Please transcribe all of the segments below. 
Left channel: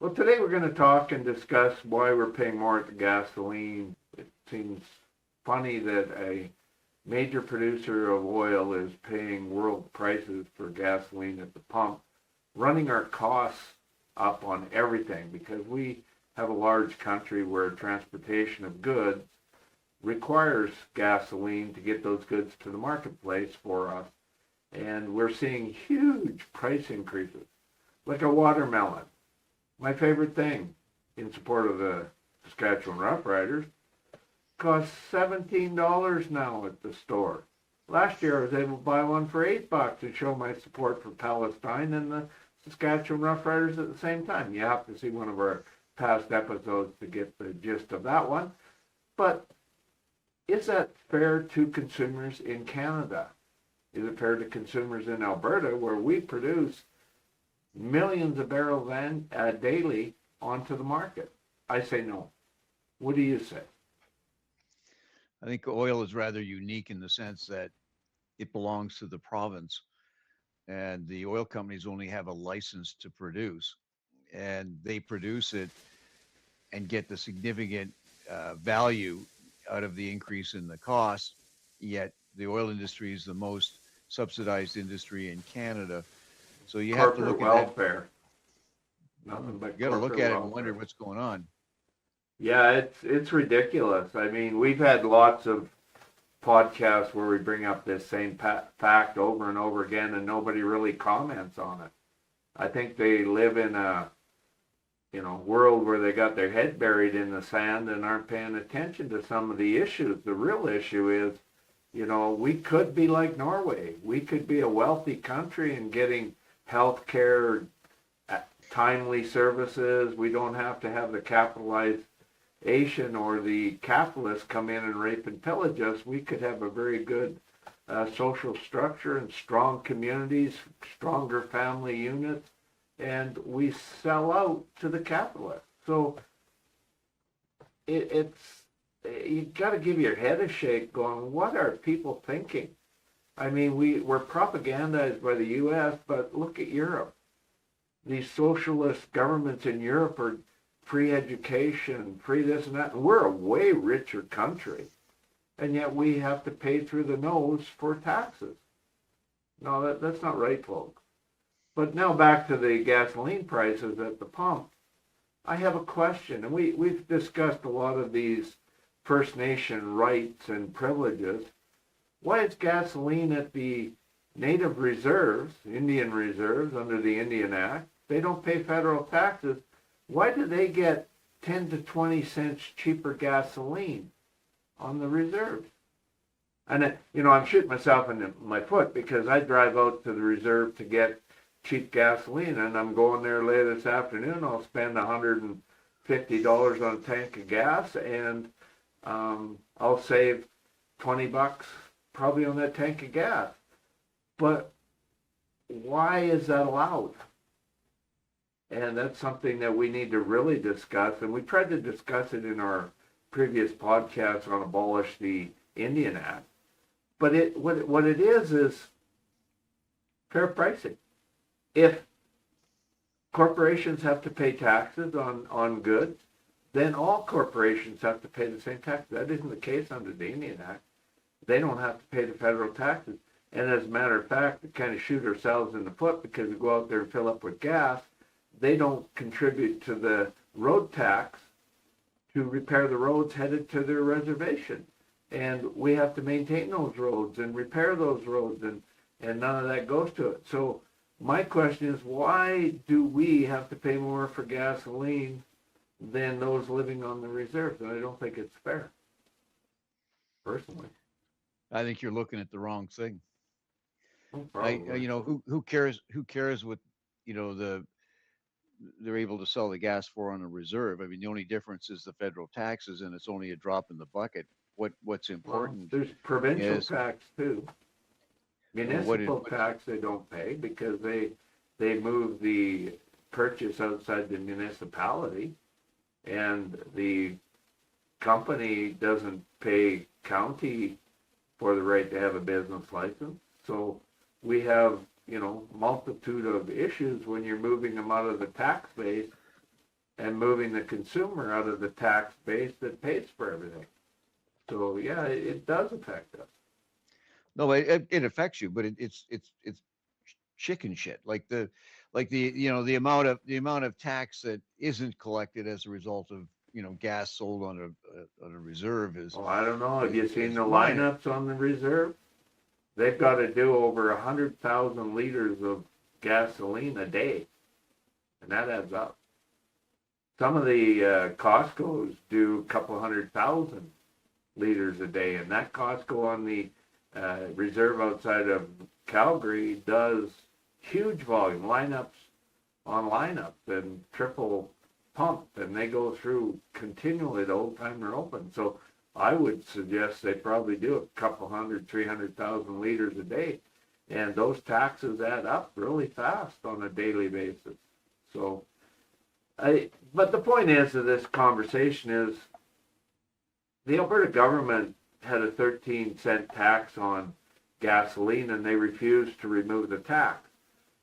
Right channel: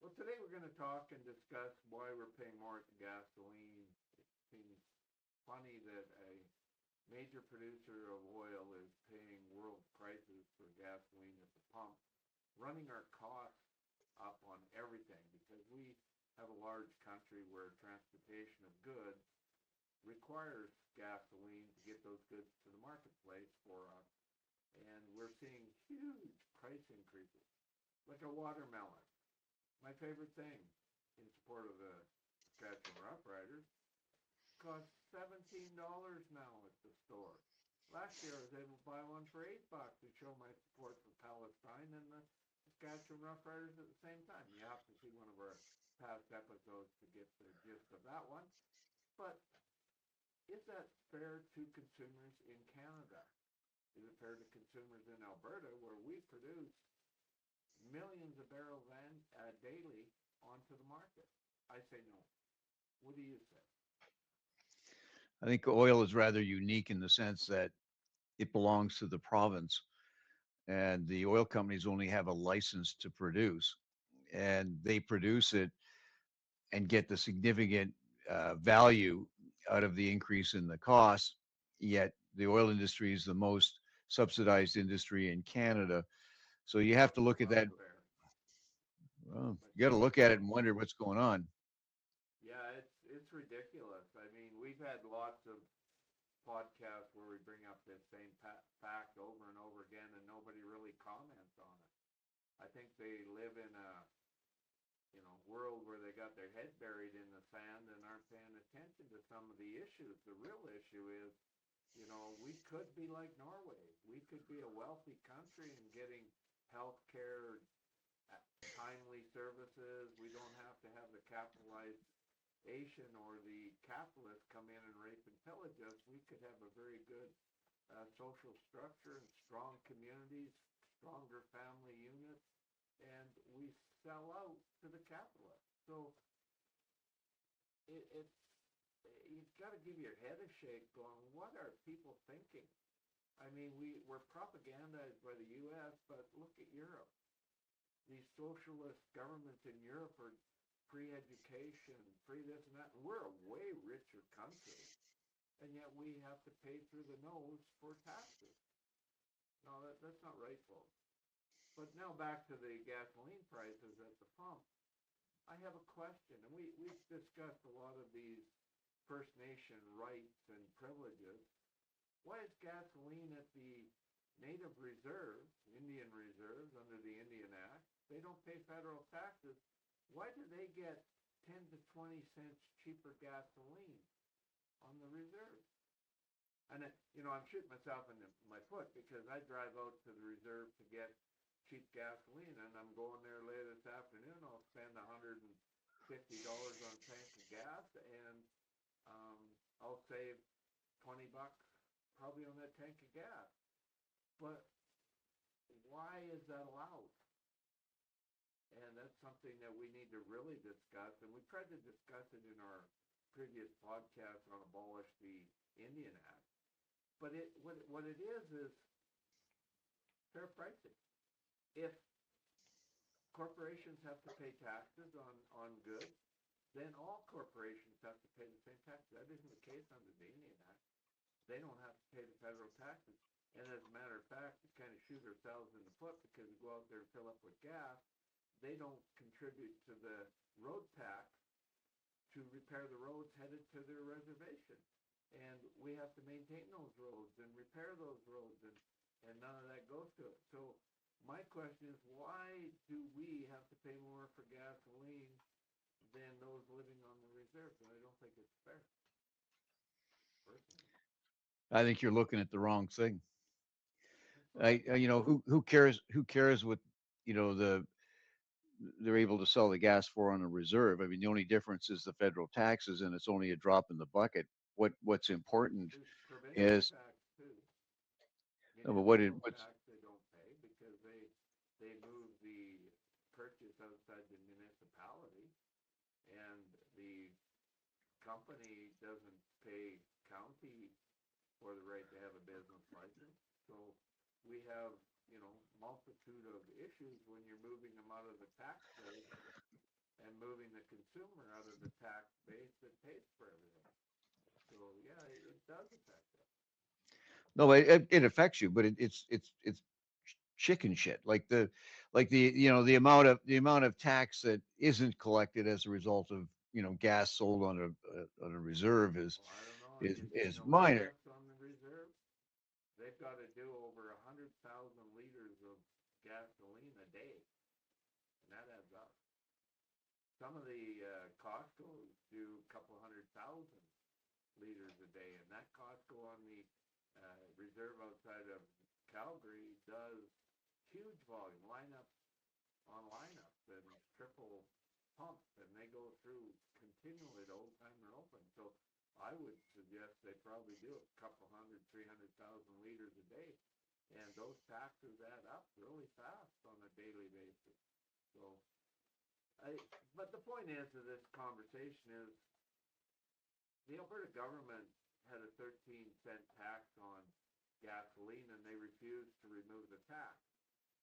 Well, today we're going to talk and discuss why we're paying more at the gasoline. It seems funny that a major producer of oil is paying world prices for gasoline at the pump, running our costs up on everything because we have a large country where transportation of goods requires gasoline to get those goods to the marketplace for us. And we're seeing huge price increases, like a watermelon. My favorite thing in support of the Saskatchewan Roughriders costs $17 now at the store. Last year I was able to buy one for $8 and show my support for Palestine and the Saskatchewan Roughriders at the same time. You have to see one of our past episodes to get the gist of that one. But is that fair to consumers in Canada? Is it fair to consumers in Alberta where we produce millions of barrels daily onto the market? I say no. What do you say? I think oil is rather unique in the sense that it belongs to the province, and the oil companies only have a license to produce, and they produce it and get the significant value out of the increase in the cost. Yet the oil industry is the most subsidized industry in Canada. So you have to Corporate look at that. welfare. Nothing but You got to look corporate at it and wonder welfare. what's going on. Yeah, it's ridiculous. I mean, we've had lots of podcasts where we bring up this same fact over and over again, and nobody really comments on it. I think they live in a world where they got their head buried in the sand and aren't paying attention to some of the issues. The real issue is, we could be like Norway. We could be a wealthy country and getting health care, timely services. We don't have to have the capitalization or the capitalists come in and rape and pillage us. We could have a very good social structure and strong communities, stronger family units, and we sell out to the capitalists. So it's you got to give your head a shake going, what are people thinking? I mean, we're propagandized by the U.S., but look at Europe. These socialist governments in Europe are free education, free this and that. And we're a way richer country, and yet we have to pay through the nose for taxes. No, that's not right, folks. But now back to the gasoline prices at the pump. I have a question, and we've discussed a lot of these First Nation rights and privileges. Why is gasoline at the native reserves, Indian reserves under the Indian Act, they don't pay federal taxes? Why do they get 10 to 20 cents cheaper gasoline on the reserves? And, I'm shooting myself in my foot because I drive out to the reserve to get cheap gasoline, and I'm going there later this afternoon. I'll spend $150 on a tank of gas, and I'll save $20 probably on that tank of gas. But why is that allowed? And that's something that we need to really discuss. And we tried to discuss it in our previous podcast on Abolish the Indian Act. But what it is fair pricing. If corporations have to pay taxes on goods, then all corporations have to pay the same tax. That isn't the case under the Indian Act. They don't have to pay the federal taxes. And as a matter of fact, we kind of shoot ourselves in the foot because we go out there and fill up with gas. They don't contribute to the road tax to repair the roads headed to their reservation. And we have to maintain those roads and repair those roads, and none of that goes to it. So my question is, why do we have to pay more for gasoline than those living on the reserves? And I don't think it's fair, personally. I think you're looking at the wrong thing. Oh, probably. Who cares? Who cares what they're able to sell the gas for on a reserve? I mean, the only difference is the federal taxes, and it's only a drop in the bucket. What's Well, important there's provincial is tax too. what it Municipal what's tax they don't pay because they move the purchase outside the municipality, and the company doesn't pay county for the right to have a business license. So we have, multitude of issues when you're moving them out of the tax base and moving the consumer out of the tax base that pays for everything. So yeah, it does affect us. No, it affects you, but it's chicken shit. The amount of tax that isn't collected as a result of gas sold on a reserve is Well, I don't know. Have is you seen is the minor. lineups on the reserve? They've got to do over 100,000 liters of gasoline a day, and that adds up. Some of the Costco's do a couple 100,000 liters a day, and that Costco on the reserve outside of Calgary does huge volume lineups on lineups and triple pump, and they go through continually the whole time they're open. So I would suggest they probably do a couple 300,000 liters a day, and those taxes add up really fast on a daily basis. So but the point is of this conversation is the Alberta government had a 13-cent tax on gasoline, and they refused to remove the tax.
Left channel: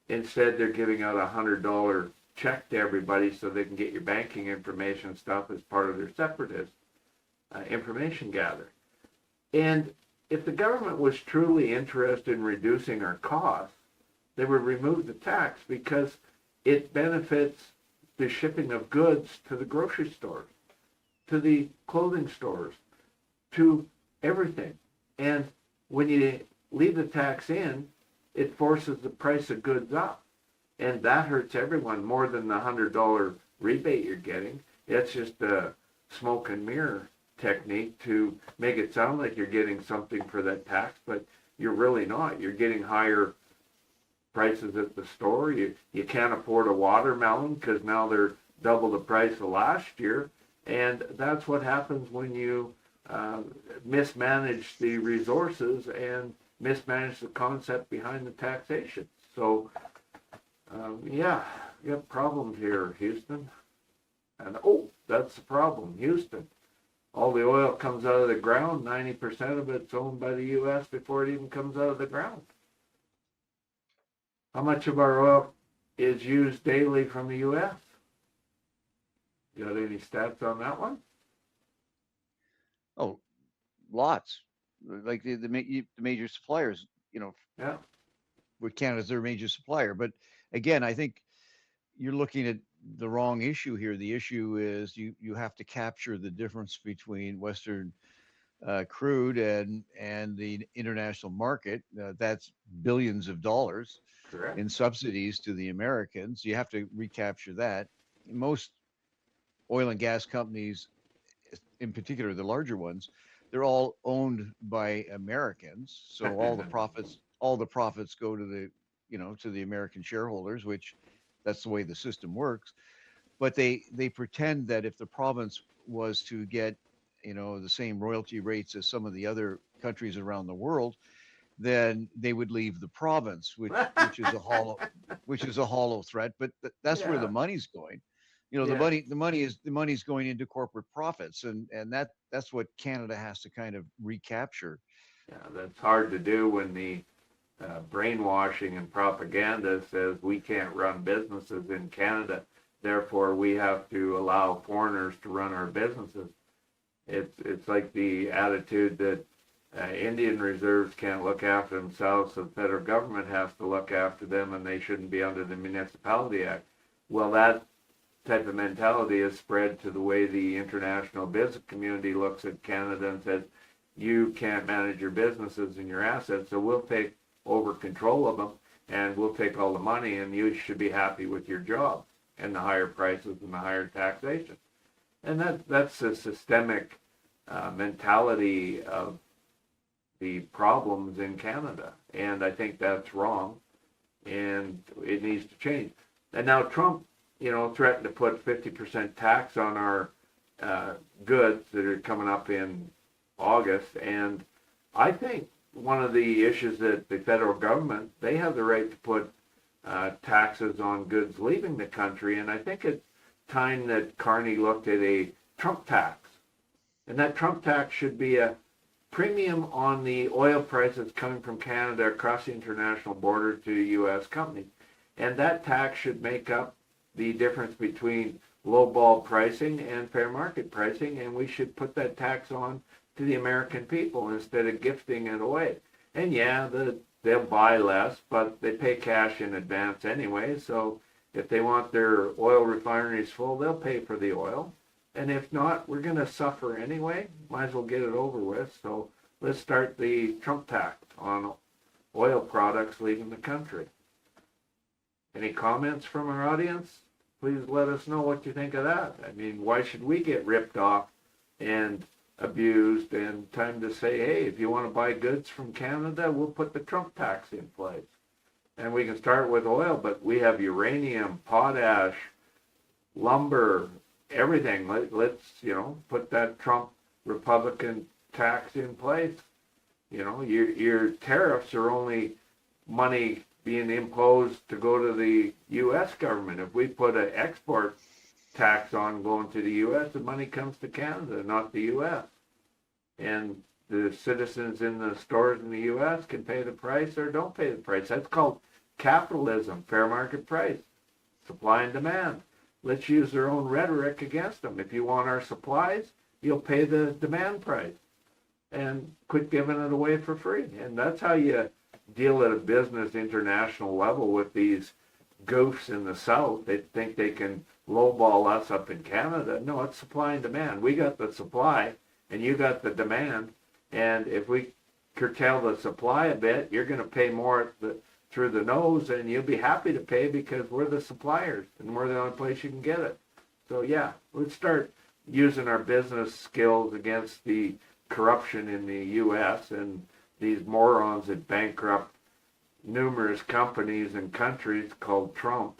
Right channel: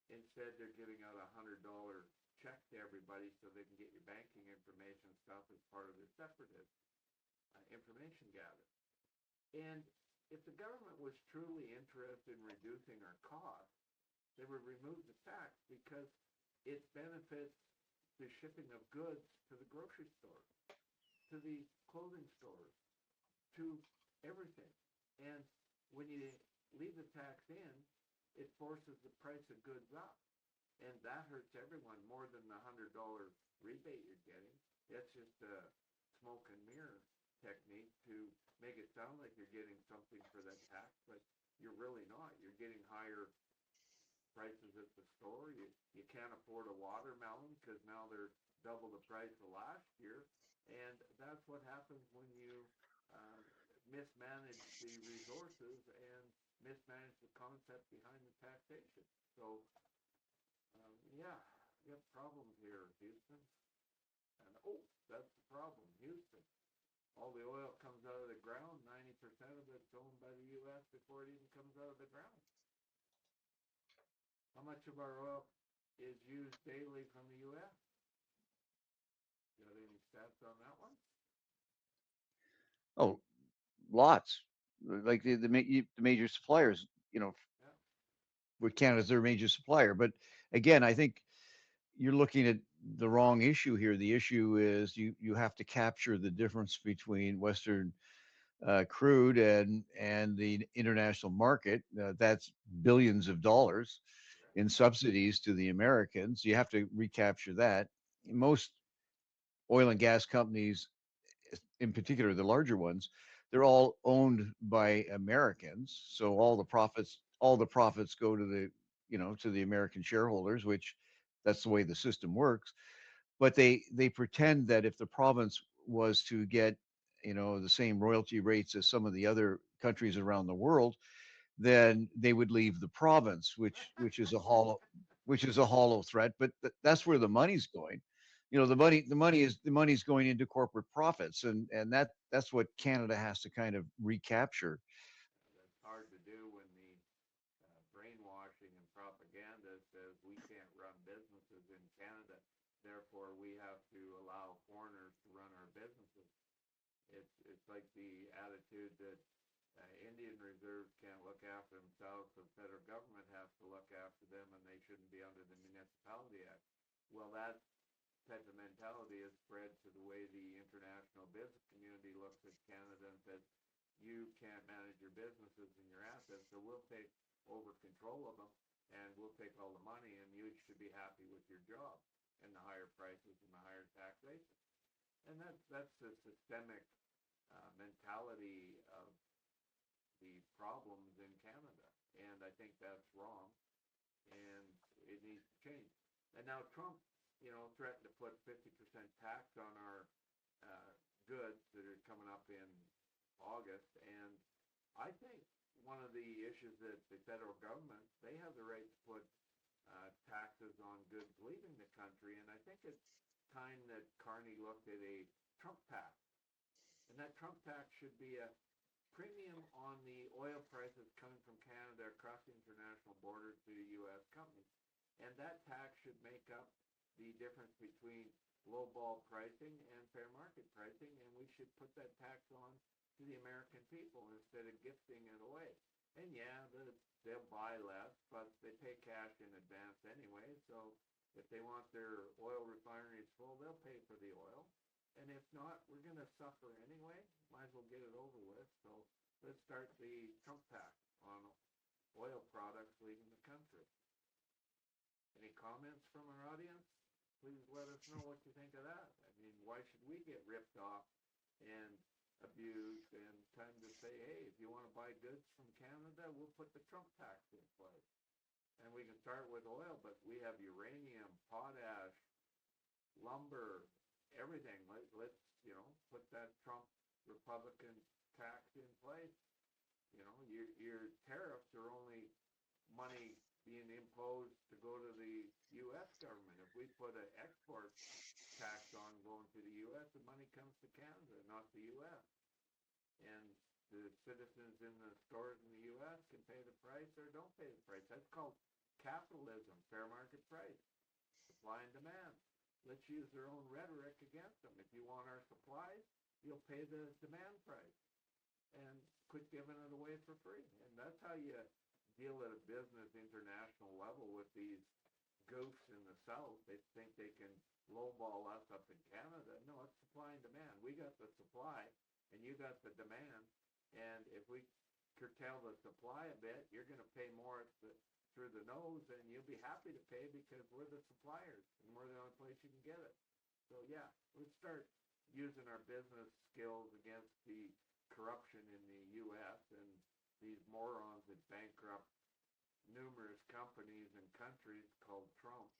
Instead, they're giving out a $100 check to everybody so they can get your banking information and stuff as part of their separatist information gathering. And if the government was truly interested in reducing our costs, they would remove the tax because it benefits the shipping of goods to the grocery stores, to the clothing stores, to everything. And when you leave the tax in, it forces the price of goods up. And that hurts everyone more than the $100 rebate you're getting. It's just a smoke and mirror technique to make it sound like you're getting something for that tax, but you're really not. You're getting higher prices at the store. You can't afford a watermelon because now they're double the price of last year. And that's what happens when you mismanage the resources and mismanage the concept behind the taxation. So, yeah, you have problems here, Houston. And, that's the problem, Houston. All the oil comes out of the ground, 90% of it's owned by the U.S. before it even comes out of the ground. How much of our oil is used daily from the U.S.? You got any stats on that one? Oh, lots. Like the major suppliers, Yeah. with Canada's their major supplier. But again, I think you're looking at the wrong issue here. The issue is you have to capture the difference between Western crude and the international market. That's billions of dollars Correct. in subsidies to the Americans. You have to recapture that. Most oil and gas companies, in particular the larger ones, they're all owned by Americans. So all the profits go to the American shareholders, which that's the way the system works. But they pretend that if the province was to get the same royalty rates as some of the other countries around the world, then they would leave the province, which is a hollow threat. But that's where Yeah. the money's going. The Yeah. money's going into corporate profits, and that's what Canada has to kind of recapture. Yeah, that's hard to do when the brainwashing and propaganda says we can't run businesses in Canada, therefore we have to allow foreigners to run our businesses. It's like the attitude that Indian reserves can't look after themselves, so the federal government has to look after them, and they shouldn't be under the Municipality Act. Well, that type of mentality is spread to the way the international business community looks at Canada and says, you can't manage your businesses and your assets, so we'll take over control of them, and we'll take all the money, and you should be happy with your job and the higher prices and the higher taxation. And that's a systemic mentality of the problems in Canada, and I think that's wrong, and it needs to change. And now Trump, threatened to put 50% tax on our goods that are coming up in August, and I think one of the issues that the federal government, they have the right to put taxes on goods leaving the country, and I think it's time that Carney looked at a Trump tax, and that Trump tax should be a premium on the oil prices coming from Canada across the international border to U.S. companies, and that tax should make up the difference between lowball pricing and fair market pricing, and we should put that tax on to the American people instead of gifting it away. And yeah, they'll buy less, but they pay cash in advance anyway, so if they want their oil refineries full, they'll pay for the oil. And if not, we're going to suffer anyway. Might as well get it over with. So let's start the Trump tax on oil products leaving the country. Any comments from our audience? Please let us know what you think of that. I mean, why should we get ripped off and abused? And time to say, hey, if you want to buy goods from Canada, we'll put the Trump tax in place. And we can start with oil, but we have uranium, potash, lumber, everything. Let's, put that Trump Republican tax in place. Your tariffs are only money being imposed to go to the U.S. government. If we put an export tax on going to the U.S., the money comes to Canada, not the U.S. And the citizens in the stores in the U.S. can pay the price or don't pay the price. That's called capitalism, fair market price, supply and demand. Let's use their own rhetoric against them. If you want our supplies, you'll pay the demand price and quit giving it away for free. And that's how you deal at a business international level with these goofs in the South. They think they can lowball us up in Canada. No, it's supply and demand. We got the supply and you got the demand. And if we curtail the supply a bit, you're going to pay more through the nose, and you'll be happy to pay because we're the suppliers and we're the only place you can get it. So yeah, let's start using our business skills against the corruption in the U.S. and these morons that bankrupt numerous companies and countries called Trump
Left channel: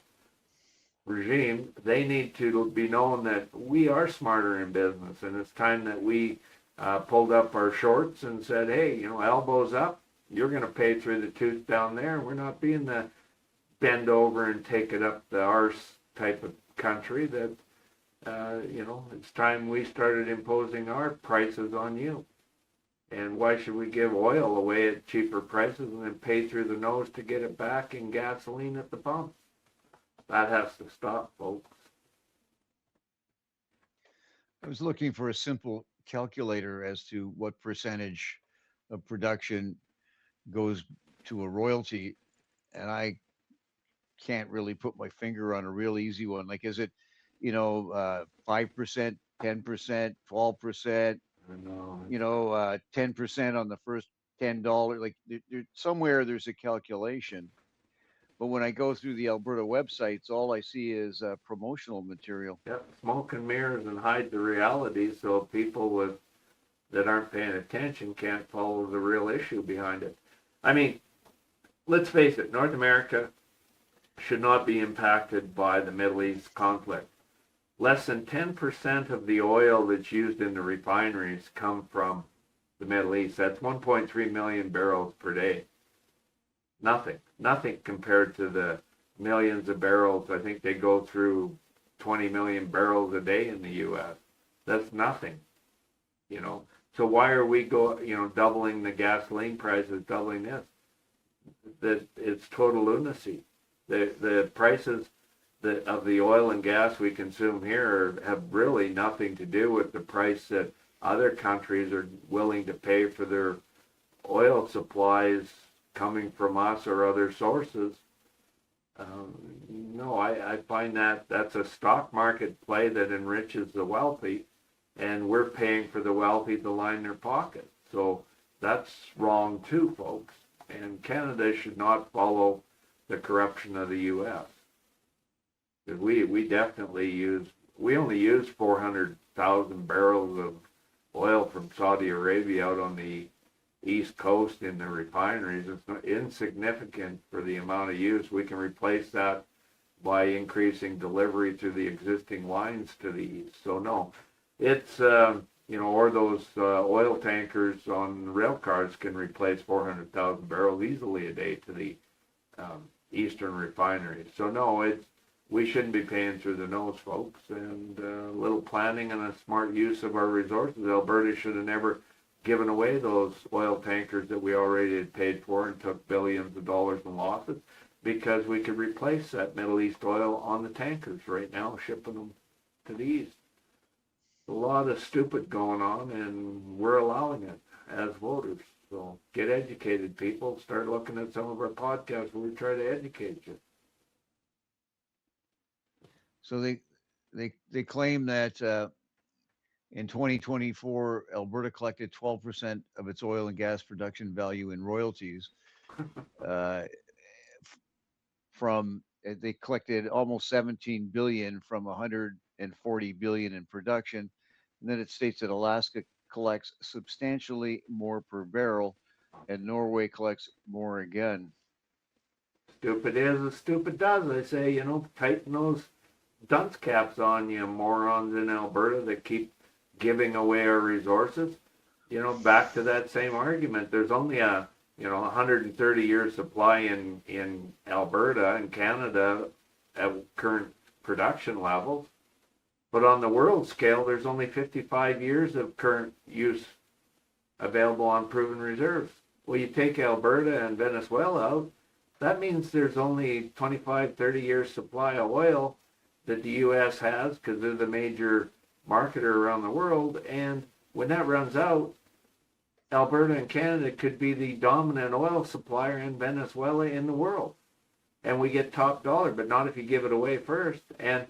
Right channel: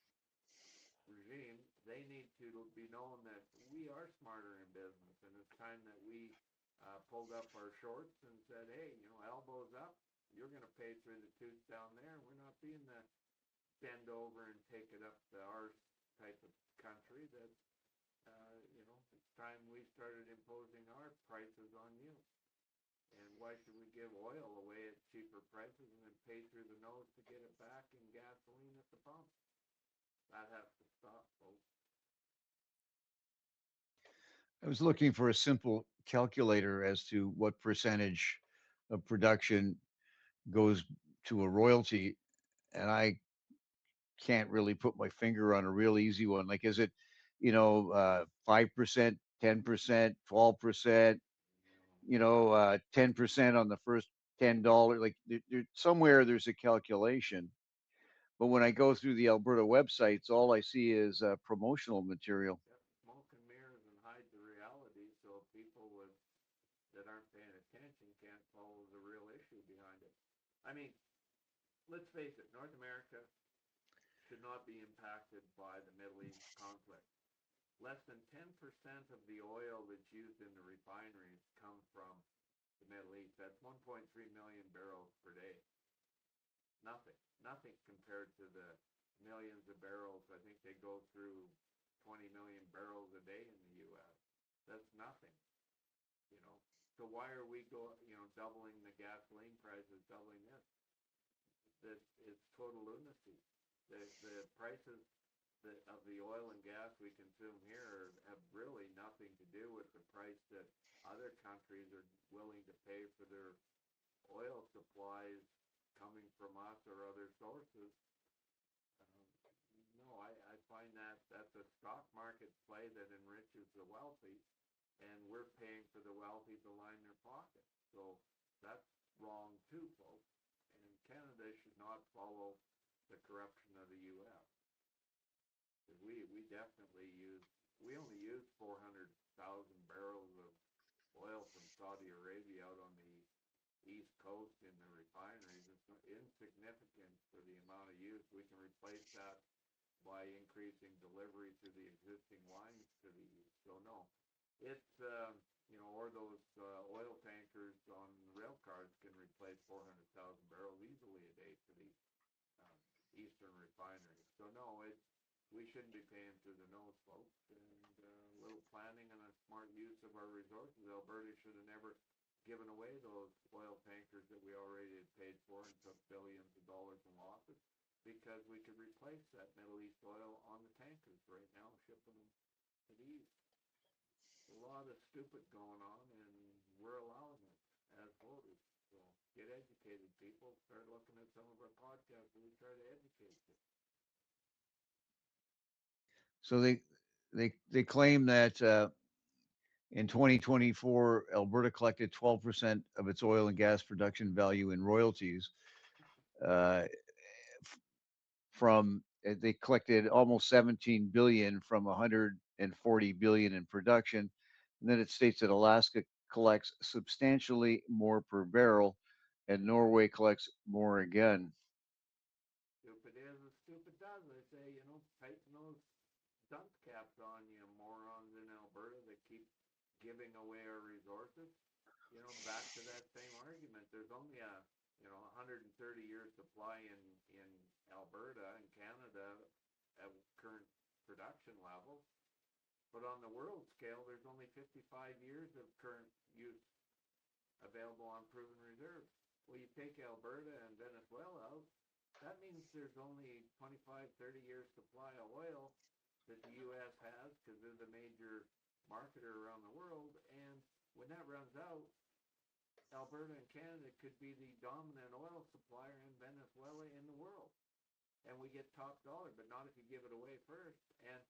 regime. They need to be known that we are smarter in business, and it's time that we pulled up our shorts and said, hey, elbows up. You're going to pay through the tooth down there. We're not being the bend over and take it up the arse type of country that, it's time we started imposing our prices on you. And why should we give oil away at cheaper prices and then pay through the nose to get it back in gasoline at the pump? That has to stop, folks. I was looking for a simple calculator as to what percentage of production goes to a royalty, and I can't really put my finger on a real easy one. Like, is it, 5%, 10%, 12%, 10% on the first $10? Like, somewhere there's a calculation. But when I go through the Alberta websites, all I see is promotional material. Yep, smoke and mirrors and hide the reality, so people that aren't paying attention can't follow the real issue behind it. I mean, let's face it, North America should not be impacted by the Middle East conflict. Less than 10% of the oil that's used in the refineries come from the Middle East. That's 1.3 million barrels per day. Nothing compared to the millions of barrels. I think they go through 20 million barrels a day in the U.S. That's nothing, So why are we doubling the gasoline prices, doubling this? That it's total lunacy. The prices of the oil and gas we consume here have really nothing to do with the price that other countries are willing to pay for their oil supplies coming from us or other sources. No, I find that's a stock market play that enriches the wealthy, and we're paying for the wealthy to line their pockets. So that's wrong too, folks. And Canada should not follow the corruption of the U.S. Because we definitely only use 400,000 barrels of oil from Saudi Arabia out on the East Coast in the refineries. It's not insignificant for the amount of use. We can replace that by increasing delivery through the existing lines to the east. So no, it's, or those oil tankers on rail cars can replace 400,000 barrels easily a day to the eastern refineries. So no, we shouldn't be paying through the nose, folks. And a little planning and a smart use of our resources. Alberta should have never given away those oil tankers that we already had paid for and took billions of dollars in losses. because we could replace that Middle East oil on the tankers right now, shipping them to the east. A lot of stupid going on, and we're allowing it as voters. So get educated, people. Start looking at some of our podcasts where we try to educate you. So they claim that in 2024, Alberta collected 12% of its oil and gas production value in royalties. They collected almost 17 billion from 140 billion in production. And then it states that Alaska collects substantially more per barrel, and Norway collects more again. Stupid is as stupid does. I say, tighten those dunce caps on you morons in Alberta that keep giving away our resources. Back to that same argument. There's only a 130-year supply in Alberta and Canada at current production levels. But on the world scale, there's only 55 years of current use available on proven reserves. Well, you take Alberta and Venezuela out, that means there's only 25, 30 years supply of oil that the U.S. has, because they're the major marketer around the world. And when that runs out, Alberta and Canada could be the dominant oil supplier in Venezuela in the world. And we get top dollar, but not if you give it away first. And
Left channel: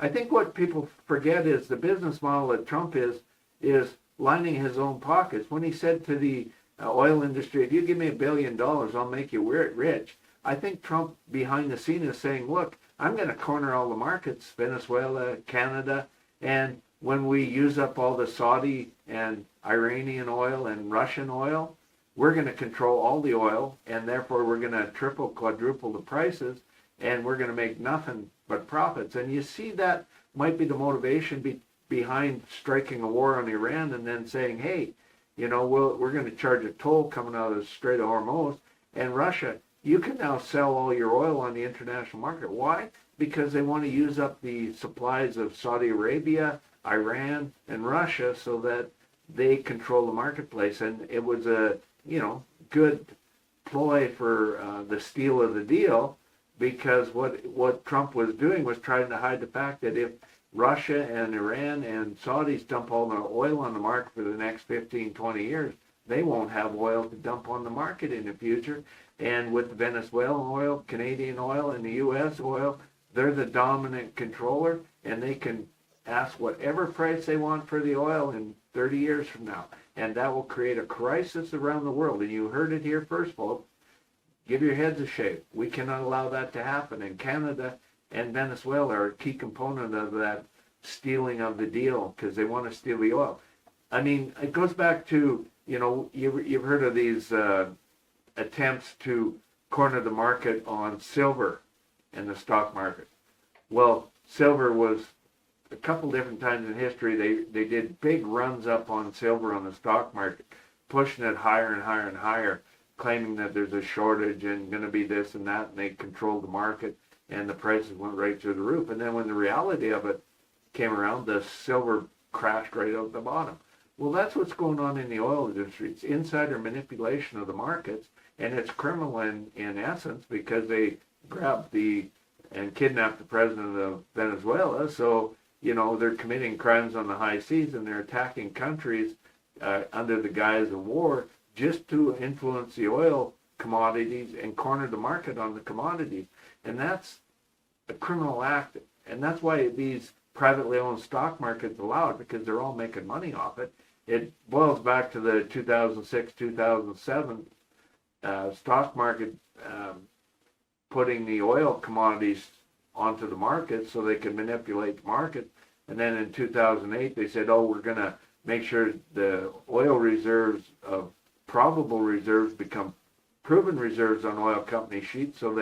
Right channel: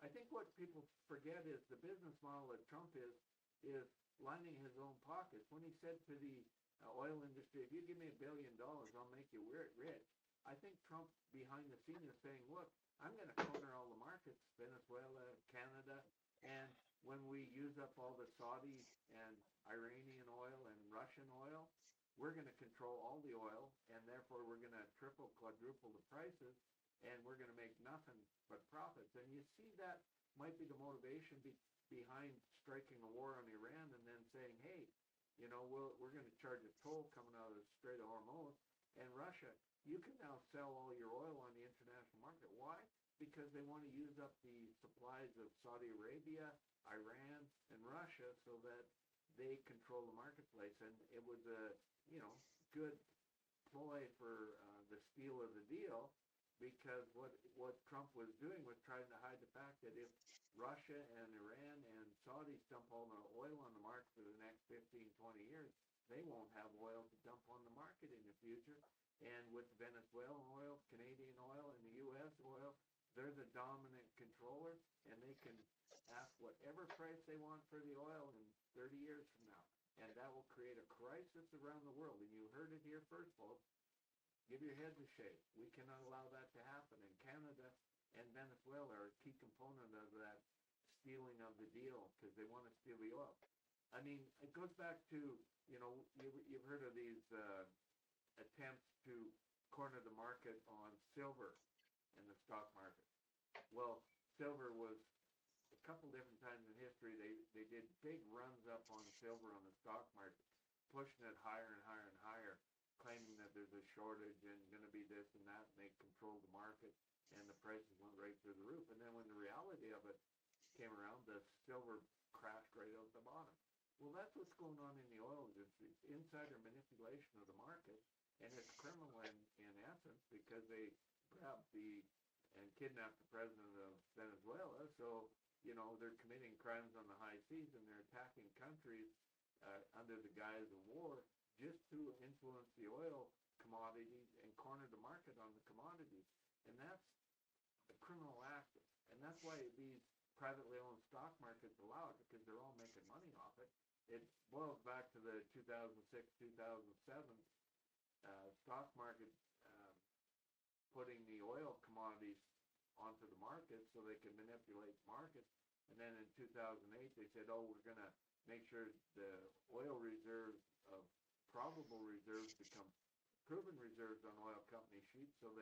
I think what people forget is the business model that Trump is lining his own pockets. When he said to the oil industry, if you give me $1 billion, I'll make you rich. I think Trump behind the scene is saying, look, I'm going to corner all the markets, Venezuela, Canada, and when we use up all the Saudi and Iranian oil and Russian oil, we're going to control all the oil, and therefore we're going to triple, quadruple the prices, and we're going to make nothing but profits. And you see that might be the motivation behind striking a war on Iran and then saying, hey, we're going to charge a toll coming out of the Strait of Hormuz, and Russia, you can now sell all your oil on the international market. Why? Because they want to use up the supplies of Saudi Arabia, Iran, and Russia so that they control the marketplace. And it was a, good ploy for the steal of the deal, because what Trump was doing was trying to hide the fact that if Russia and Iran and Saudis dump all the oil on the market for the next 15, 20 years, they won't have oil to dump on the market in the future. And with Venezuelan oil, Canadian oil, and the U.S. oil, they're the dominant controller, and they can ask whatever price they want for the oil in 30 years from now. And that will create a crisis around the world. And you heard it here first, folks. Give your heads a shake. We cannot allow that to happen. And Canada and Venezuela are a key component of that stealing of the deal, because they want to steal the oil. I mean, it goes back to, you've heard of these attempts to corner the market on silver in the stock market. Well, silver was a couple different times in history, they did big runs up on silver on the stock market, pushing it higher and higher and higher, claiming that there's a shortage and going to be this and that, and they controlled the market, and the prices went right through the roof. And then when the reality of it came around, the silver crashed right out the bottom. Well, that's what's going on in the oil industry. It's insider manipulation of the markets, and it's criminal in essence, because they grabbed and kidnapped the president of Venezuela. So, they're committing crimes on the high seas, and they're attacking countries under the guise of war just to influence the oil commodities and corner the market on the commodities. And that's a criminal act. And that's why these privately owned stock markets allow it, because they're all making money off it. It boils back to the 2006, 2007 stock market putting the oil commodities onto the market so they could manipulate the market. And then in 2008, they said, we're going to make sure the oil reserves of probable reserves become proven reserves on oil company sheets, so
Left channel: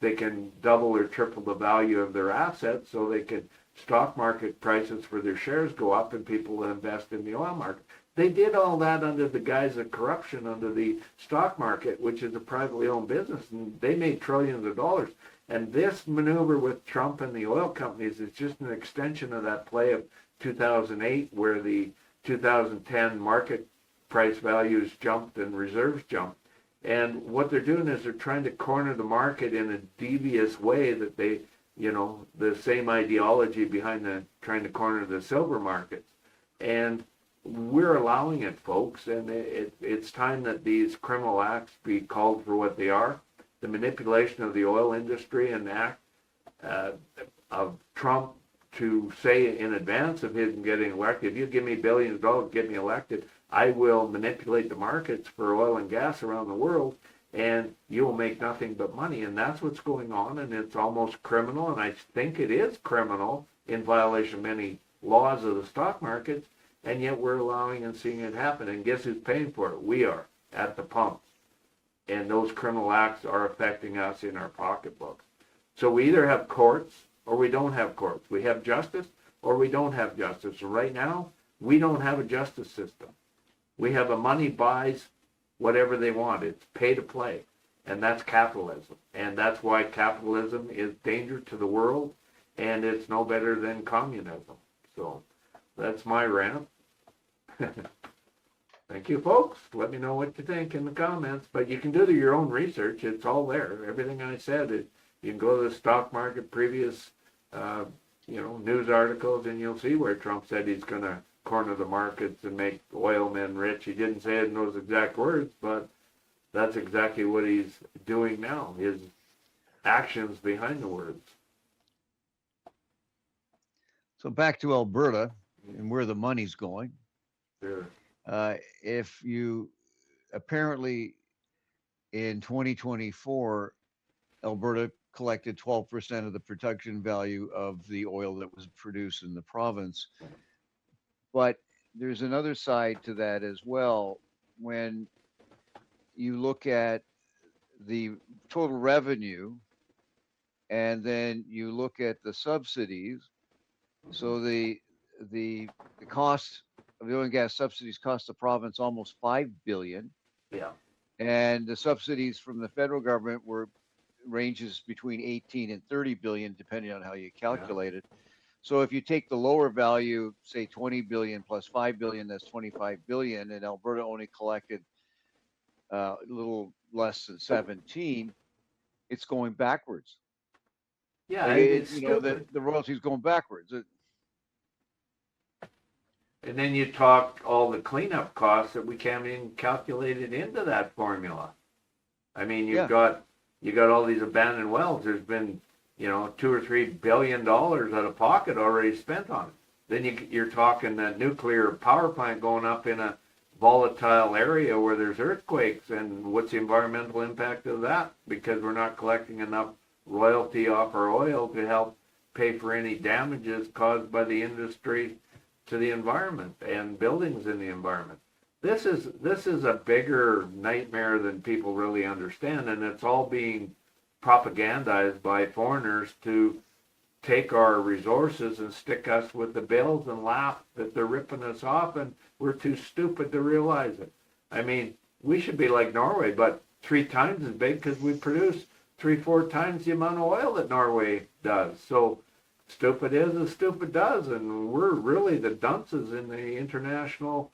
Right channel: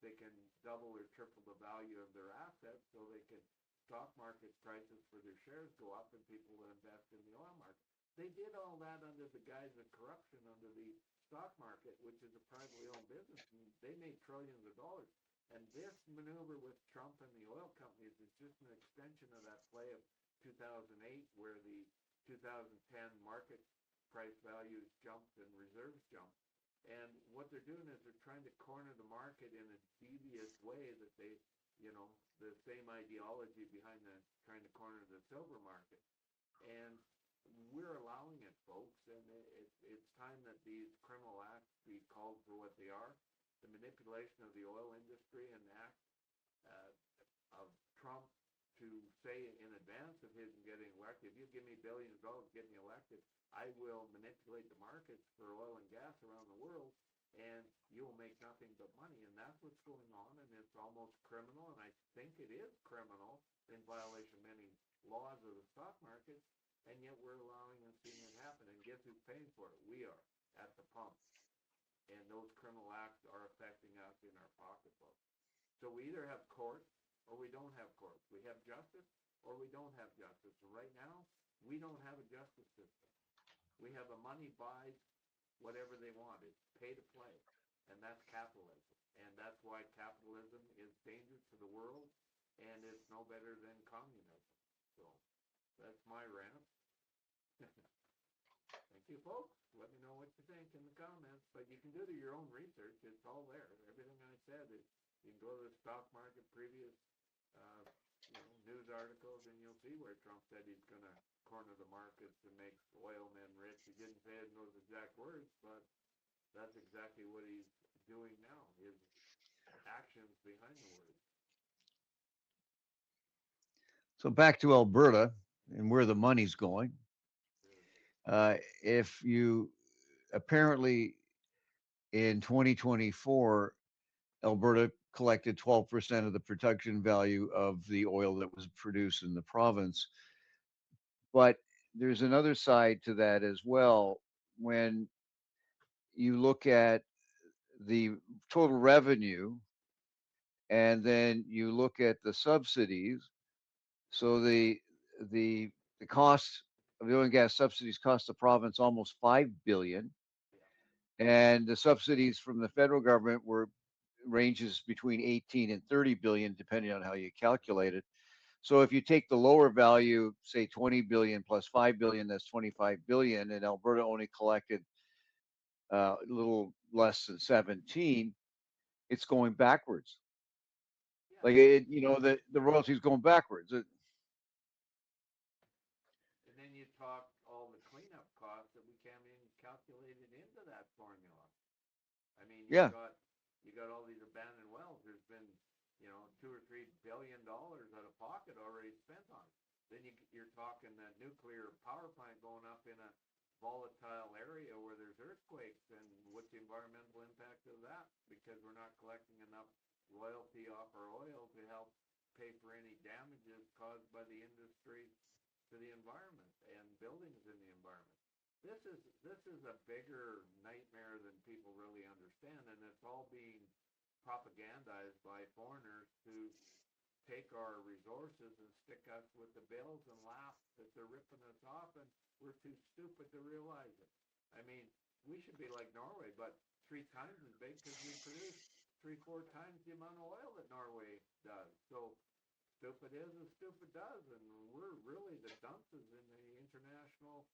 they can double or triple the value of their assets, so they can stock market prices for their shares go up and people will invest in the oil market. They did all that under the guise of corruption under the stock market, which is a privately owned business, and they made trillions of dollars. And this maneuver with Trump and the oil companies is just an extension of that play of 2008, where the 2010 market price values jumped and reserves jumped. And what they're doing is they're trying to corner the market in a devious way that they, the same ideology behind the trying to corner the silver markets. And we're allowing it, folks, and it's time that these criminal acts be called for what they are. The manipulation of the oil industry and act of Trump to say in advance of him getting elected, if you give me billions of dollars, get me elected, I will manipulate the markets for oil and gas around the world, and you will make nothing but money. And that's what's going on, and it's almost criminal, and I think it is criminal in violation of many laws of the stock markets, and yet we're allowing and seeing it happen. And guess who's paying for it? We are, at the pumps. And those criminal acts are affecting us in our pocketbooks. So we either have courts or we don't have courts. We have justice or we don't have justice. So right now, we don't have a justice system. We have a money buys whatever they want. It's pay to play. And that's capitalism. And that's why capitalism is danger to the world, and it's no better than communism. So that's my rant. Thank you, folks. Let me know what you think in the comments. But you can do your own research. It's all there. Everything I said, you can go to the stock market previous, news articles, and you'll see where Trump said he's going to corner the markets and make oil men rich. He didn't say it in those exact words, but that's exactly what he's doing now. His actions behind the words. So back to Alberta and where the money's going. Sure. If you apparently in 2024, Alberta collected 12% of the production value of the oil that was produced in the province. But there's another side to that as well. When you look at the total revenue and then you look at the subsidies, so the cost of the oil and gas subsidies cost the province almost $5 billion. Yeah. And the subsidies from the federal government ranges between 18 and 30 billion, depending on how you calculate it. So if you take the lower value, say 20 billion plus 5 billion, that's 25 billion, and Alberta only collected a little less than 17, it's going backwards. Yeah, like the royalties going backwards. And then you talk all the cleanup costs that we can't even calculate it into that formula. I mean, you got all these abandoned wells. There's been, $2 or $3 billion out of pocket already spent on it. Then you're talking a nuclear power plant going up in a volatile area where there's earthquakes, and what's the environmental impact of that? Because we're not collecting enough royalty off our oil to help pay for any damages caused by the industry to the environment and buildings in the environment. This is a bigger nightmare than people really understand, and it's all being propagandized by foreigners to take our resources and stick us with the bills and laugh that they're ripping us off, and we're too stupid to realize it. I mean, we should be like Norway, but 3 times as big because we produce 3-4 times the amount of oil that Norway does. So stupid is as stupid does, and we're really the dunces in the international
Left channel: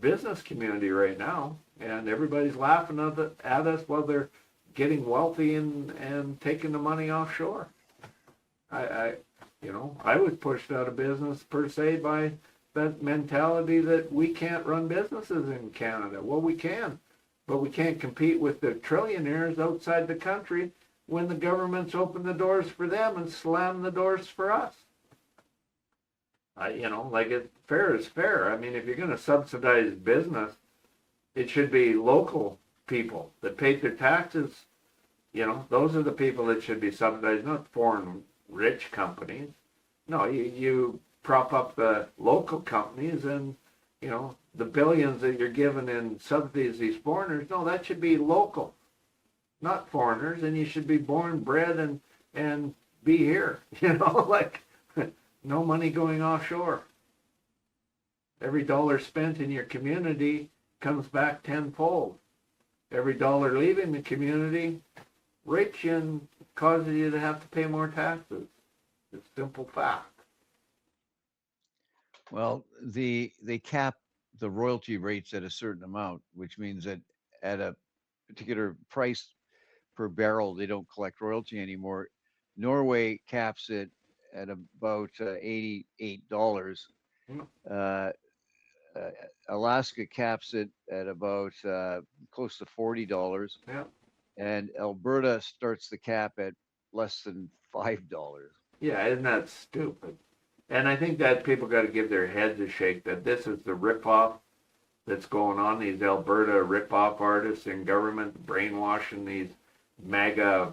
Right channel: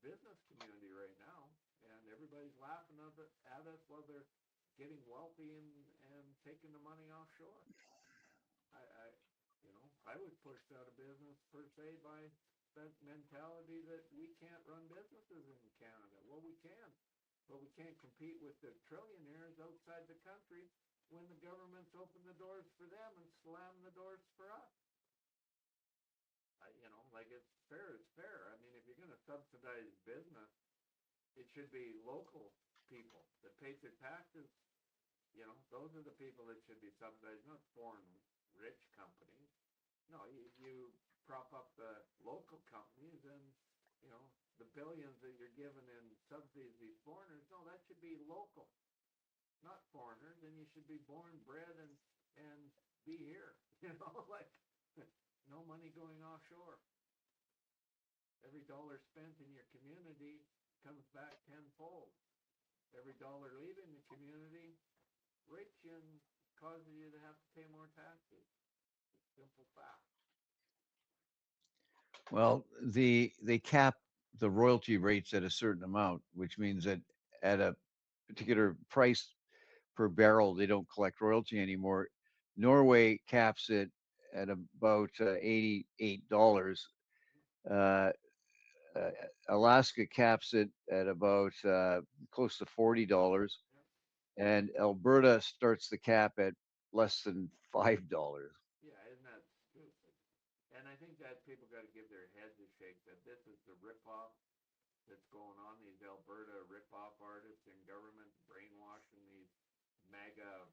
business community right now, and everybody's laughing at us while they're getting wealthy and taking the money offshore. I was pushed out of business per se by that mentality that we can't run businesses in Canada. Well, we can, but we can't compete with the trillionaires outside the country when the government's opened the doors for them and slammed the doors for us. Fair is fair. I mean, if you're going to subsidize business, it should be local people that paid their taxes. Those are the people that should be subsidized, not foreign rich companies. No, you prop up the local companies, and, the billions that you're giving in subsidies these foreigners, no, that should be local, not foreigners, and you should be born, bred, and be here, no money going offshore. Every dollar spent in your community comes back tenfold. Every dollar leaving the community, rich, and causes you to have to pay more taxes. It's simple fact. Well, they cap the royalty rates at a certain amount, which means that at a particular price per barrel. They don't collect royalty anymore. Norway caps it at about $88. Mm, Uh, uh, Alaska caps it at about close to $40, yeah. and Alberta starts the cap at less than $5. Yeah, isn't that stupid? And I think that people got to give their heads a shake that this is the ripoff that's going on. These Alberta ripoff artists in government brainwashing these MAGA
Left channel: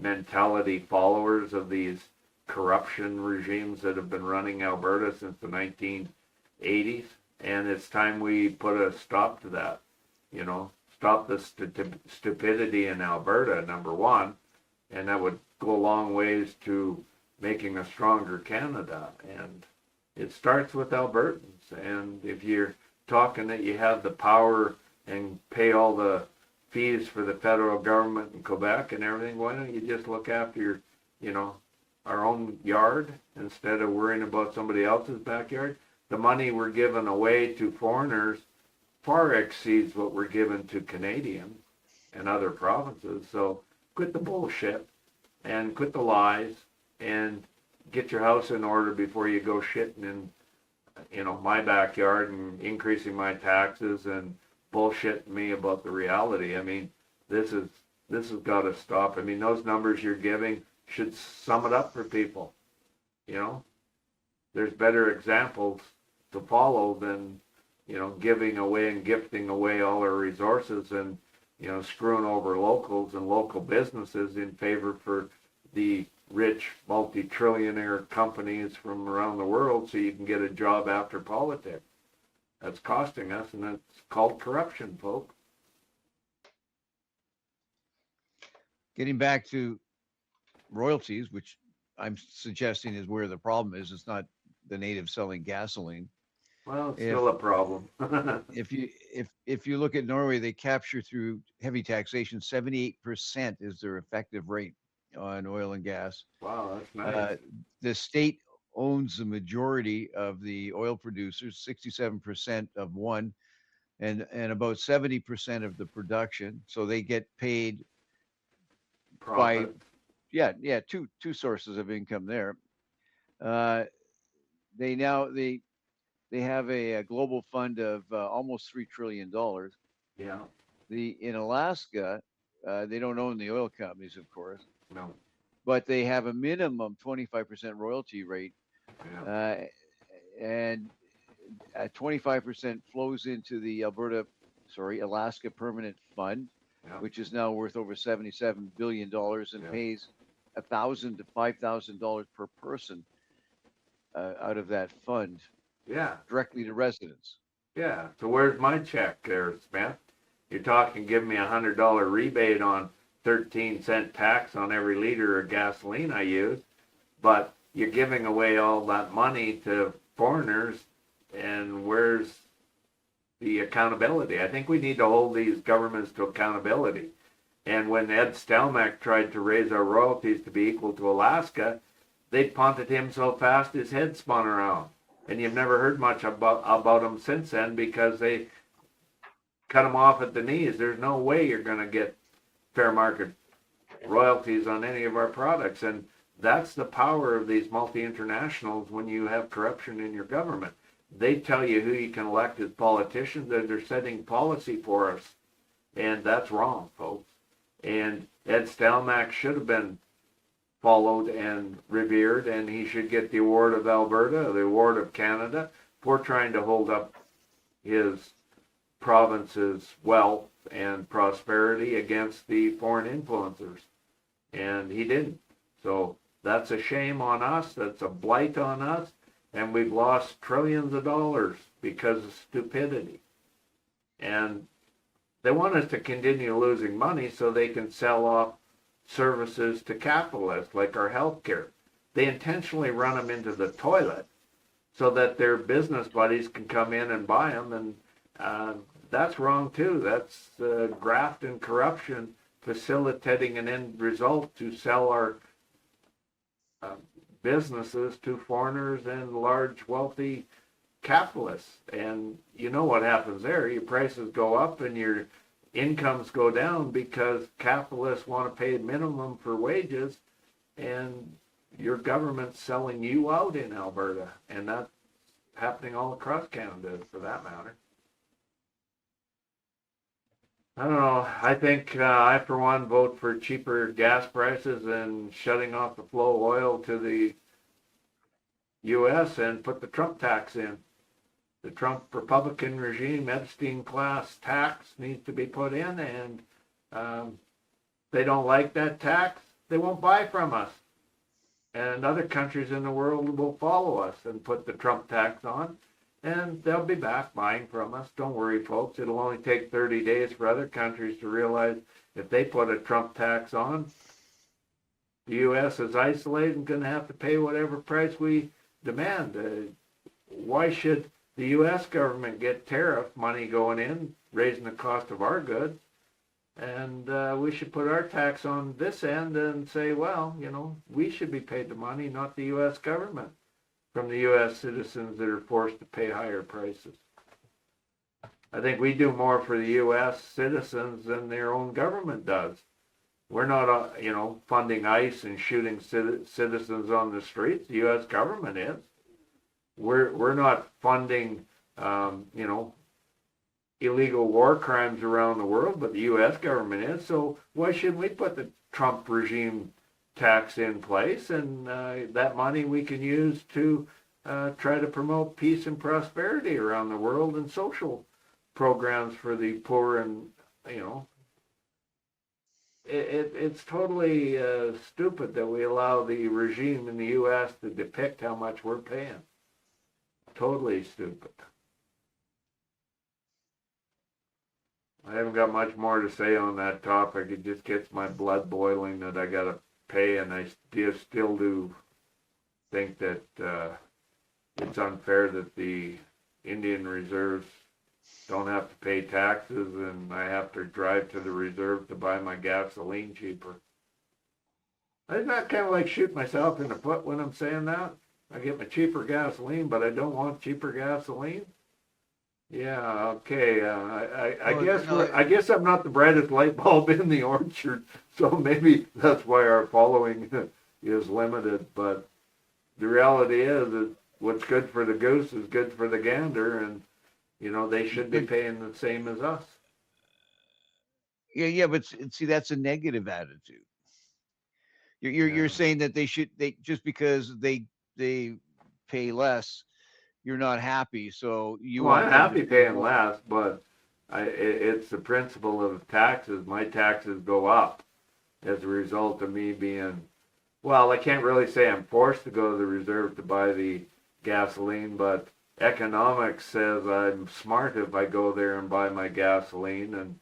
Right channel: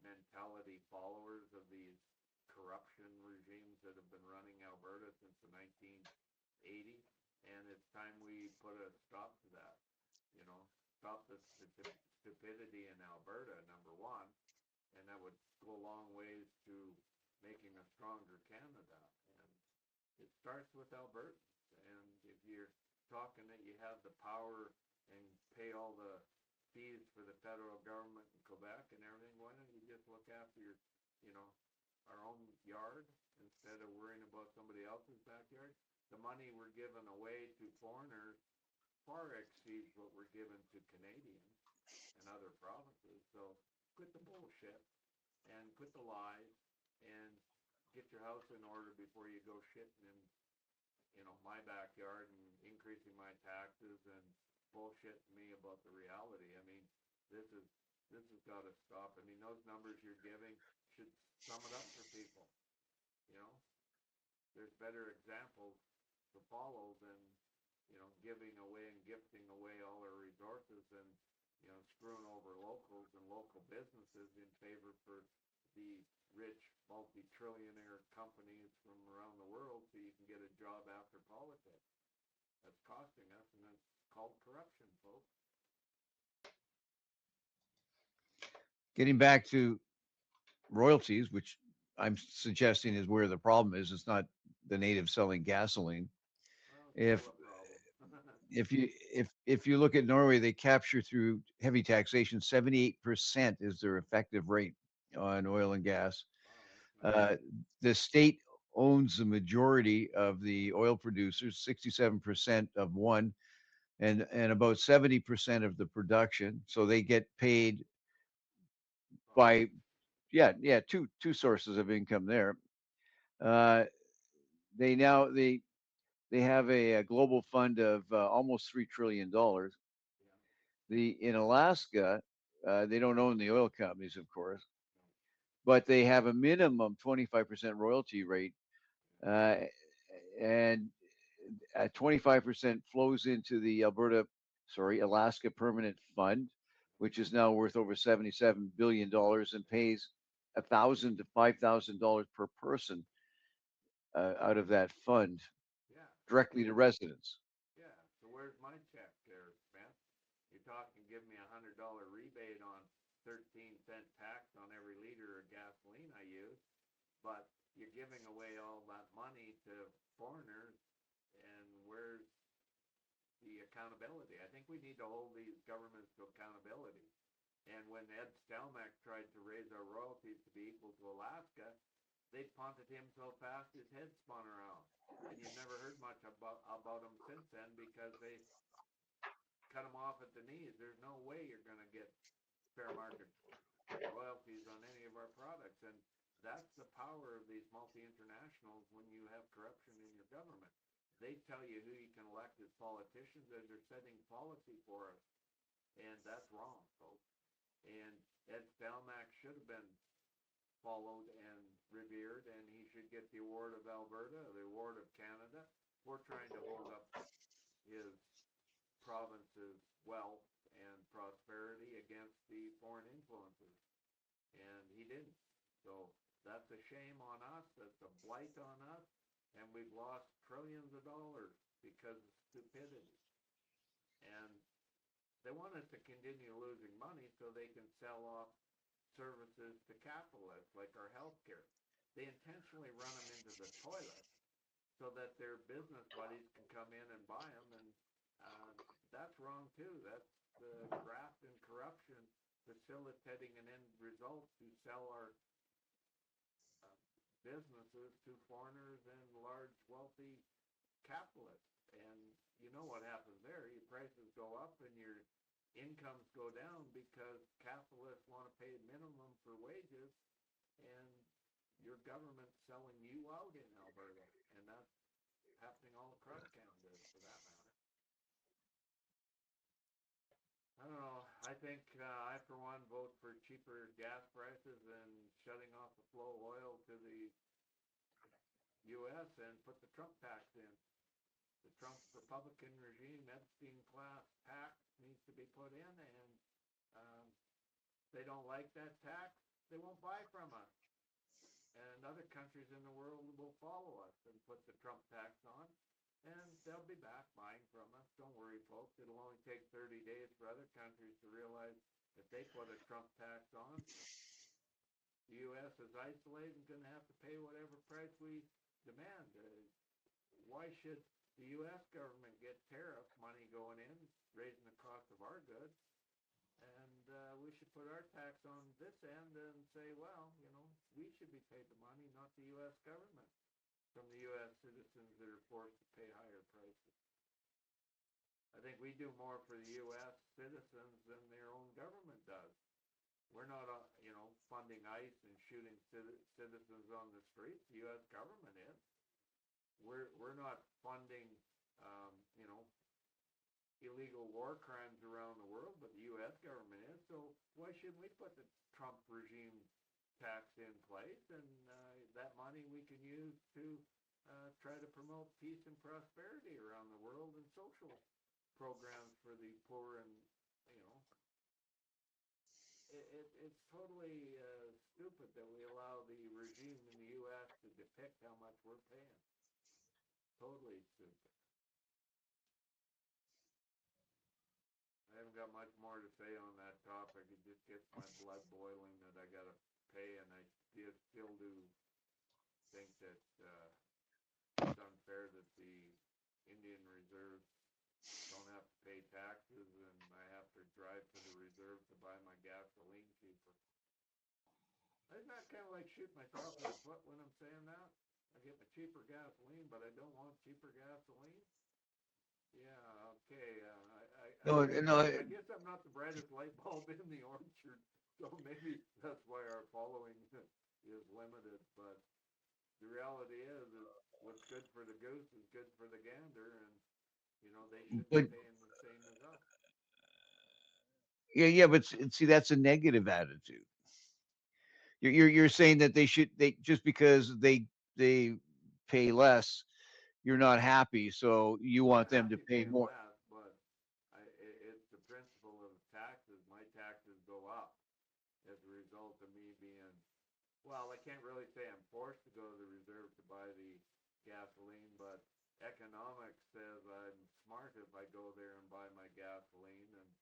mentality followers of these corruption regimes that have been running Alberta since the 1980s. And it's time we put a stop to that. You know, stop the stupidity in Alberta, number one, and that would go a long ways to making a stronger Canada. And it starts with Albertans. And if you're talking that you have the power and pay all the fees for the federal government in Quebec and everything, why don't you just look after your, you know, our own yard instead of worrying about somebody else's backyard? The money we're giving away to foreigners far exceeds what we're giving to Canadians and other provinces. So quit the bullshit and quit the lies and get your house in order before you go shitting in, you know, my backyard and increasing my taxes and bullshitting me about the reality. I mean, this has got to stop. I mean, those numbers you're giving should sum it up for people. You know, there's better examples to follow than, you know, giving away and gifting away all our resources and, you know, screwing over locals and local businesses in favor for the rich multi-trillionaire companies from around the world so you can get a job after politics. That's costing us, and that's called corruption, folks. Getting back to royalties, which I'm suggesting is where the problem is. It's not the natives selling gasoline. Well, it's If still a problem. if you look at Norway, they capture through heavy taxation 78% is their effective rate on oil and gas. Wow, that's nice. Uh, the state owns the majority of the oil producers, 67% of one, and about 70% of the production. So they get paid by, Profit. yeah, two sources of income there. Uh, they have a global fund of almost $3 trillion. Yeah. The in Alaska, they don't own the oil companies, of course, No. but they have a minimum 25% royalty rate, Yeah. uh, and 25% flows into the Alaska Permanent Fund, Yeah. which is now worth over $77 billion and Yeah. pays $1,000 to $5,000 per person out of that fund Yeah. directly to residents. Yeah. So where's my check there, Smith? You're talking giving me $100 rebate on 13-cent tax on every liter of gasoline I use, but you're giving away all that money to foreigners, and where's the accountability? I think we need to hold these governments to accountability. And when Ed Stelmach tried to raise our royalties to be equal to Alaska, they punted him so fast his head spun around. And you've never heard much about him since then because they cut him off at the knees. There's no way you're going to get fair market royalties on any of our products. And that's the power of these multi-internationals when you have corruption in your government. They tell you who you can elect as politicians, and they're setting policy for us. And that's wrong, folks. And Ed Stelmach should have been followed and revered, and he should get the award of Alberta, the award of Canada, for trying to hold up his province's wealth and prosperity against the foreign influencers. And he didn't. So that's a shame on us. That's a blight on us. And we've lost trillions of dollars because of stupidity. And they want us to continue losing money so they can sell off services to capitalists like our healthcare. They intentionally run them into the toilet so that their business buddies can come in and buy them, and that's wrong too. That's graft and corruption facilitating an end result to sell our businesses to foreigners and large wealthy capitalists. And you know what happens there. Your prices go up and your incomes go down because capitalists want to pay minimum for wages, and your government's selling you out in Alberta, and that's happening all across Canada for that matter. I don't know. I think I, for one, vote for cheaper gas prices and shutting off the flow of oil to the U.S. and put the Trump tax in. The Trump Republican regime, Epstein class tax needs to be put in, and they don't like that tax, they won't buy from us. And other countries in the world will follow us and put the Trump tax on, and they'll be back buying from us. Don't worry, folks. It'll only take 30 days for other countries to realize if they put a Trump tax on, the U.S. is isolated and going to have to pay whatever price we demand. Why should the U.S. government get tariff money going in, raising the cost of our goods? And we should put our tax on this end and say, well, we should be paid the money, not the U.S. government, from the U.S. citizens that are forced to pay higher prices. I think we do more for the U.S. citizens than their own government does. We're not, funding ICE and shooting citizens on the streets. The U.S. government is. We're not funding, illegal war crimes around the world, but the U.S. government is. So why shouldn't we put the Trump regime tax in place, and that money we can use to try to promote peace and prosperity around the world and social programs for the poor, and it's totally stupid that we allow the regime in the U.S. to depict how much we're paying. Totally stupid. I haven't got much more to say on that topic. It just gets my blood boiling that I got to pay, and I still do think that it's unfair that the Indian reserves don't have to pay taxes, and I have to drive to the reserve to buy my gasoline cheaper. Isn't that kind of like shooting myself in the foot when I'm saying that? I get my cheaper gasoline, but I don't want cheaper gasoline? Yeah, okay. I guess I'm not the brightest light bulb in the orchard, so maybe that's why our following is limited. But the reality is that what's good for the goose is good for the gander, and they should be paying the same as us. Yeah, but see, that's a negative attitude. You're saying that they just because they pay less, you're not happy, so you want I'm them happy to pay paying more. less, but it's the principle of taxes. My taxes go up as a result of me being, well, I can't really say I'm forced to go to the reserve to buy the gasoline, but economics says I'm smart if I go there and buy my gasoline, and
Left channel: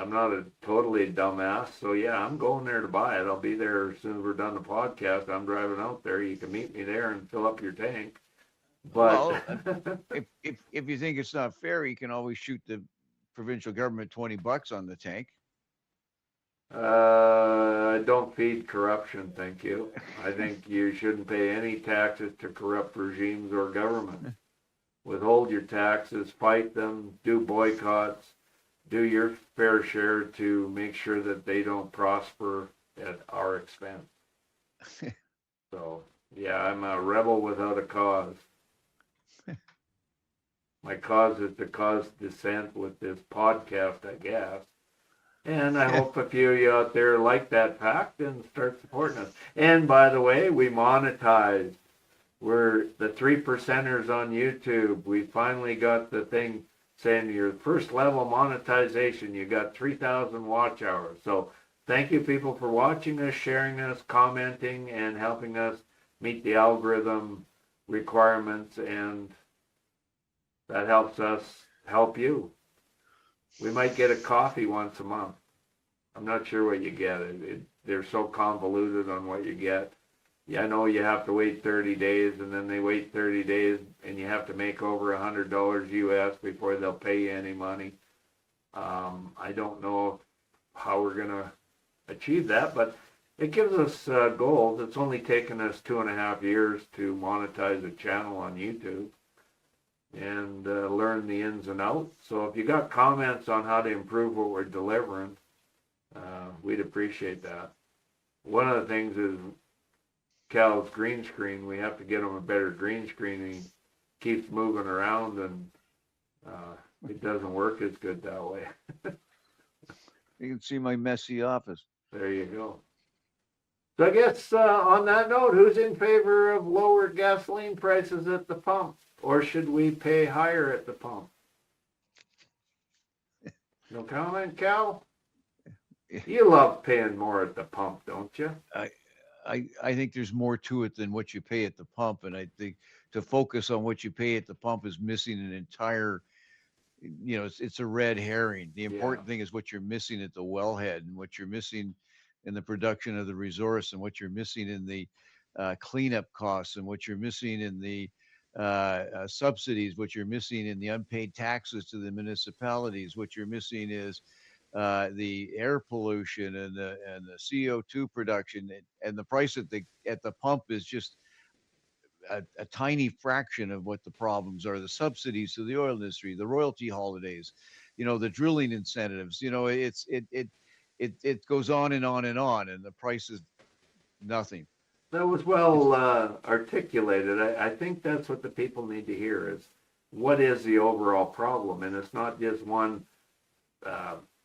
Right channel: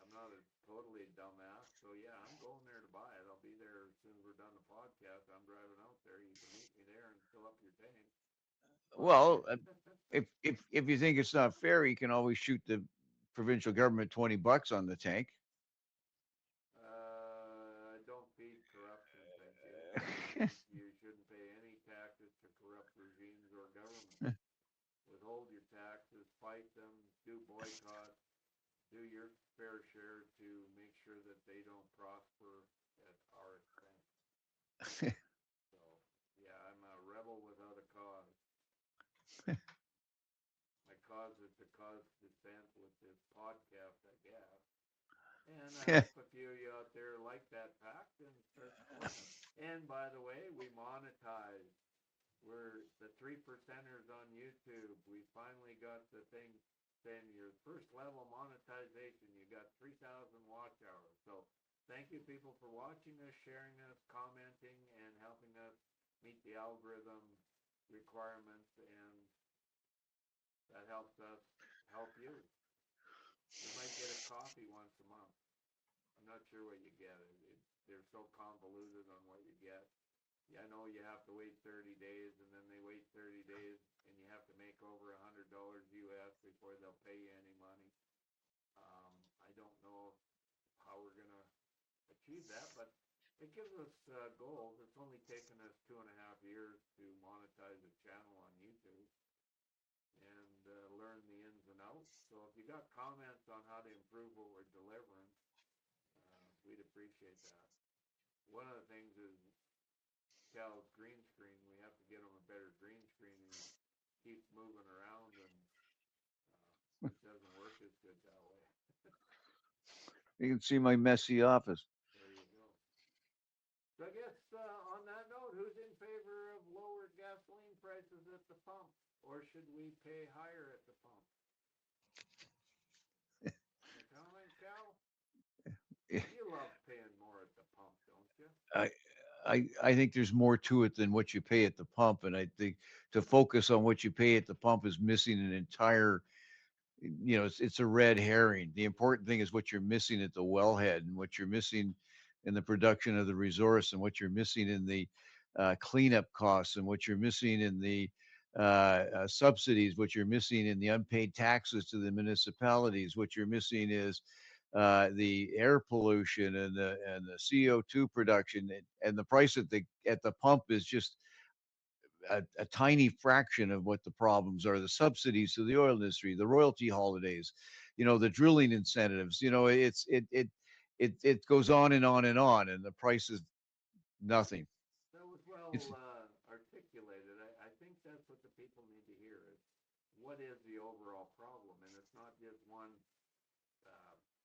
I'm not a totally dumbass, so yeah, I'm going there to buy it. I'll be there as soon as we're done the podcast. I'm driving out there. You can meet me there and fill up your tank. But well, if you think it's not fair, you can always shoot the provincial government $20 on the tank. I don't feed corruption, thank you. I think you shouldn't pay any taxes to corrupt regimes or governments. Withhold your taxes, fight them, do boycotts, do your fair share to make sure that they don't prosper at our expense. So, yeah, I'm a rebel without a cause. My cause is to cause dissent with this podcast, I guess. And I hope a few of you out there like that fact and start supporting us. And by the way, we monetized. We're the 3%ers on YouTube. We finally got the thing saying your first level monetization. You got 3,000 watch hours. So thank you, people, for watching us, sharing us, commenting, and helping us meet the algorithm requirements. And that helps us help you. We might get a coffee once a month. I'm not sure what you get. They're so convoluted on what you get. Yeah, I know you have to wait 30 days, and then they wait 30 days, and you have to make over $100 US before they'll pay you any money. I don't know how we're going to achieve that, but it gives us goals. It's only taken us 2.5 years to monetize a channel on YouTube. and learn the ins and outs. So if you got comments on how to improve what we're delivering, we'd appreciate that. One of the things is Cal's green screen. We have to get him a better green screen. He keeps moving around, and it doesn't work as good that way. You can see my messy office. There you go. So I guess on that note, who's in favor of lower gasoline prices at the pump? Or should we pay higher at the pump? No comment, Cal? You love paying more at the pump, don't you? I think there's more to it than what you pay at the pump. And I think to focus on what you pay at the pump is missing an entire, it's a red herring. The important thing is what you're missing at the wellhead and what you're missing in the production of the resource and what you're missing in the cleanup costs and what you're missing in the subsidies, what you're missing in the unpaid taxes to the municipalities, what you're missing is the air pollution and the CO2 production, and the price at the pump is just a tiny fraction of what the problems are. The subsidies to the oil industry, the royalty holidays, the drilling incentives. It goes on and on and on, and the price is nothing. That was well articulated. I think that's what the people need to hear is what is the overall problem, and it's not just one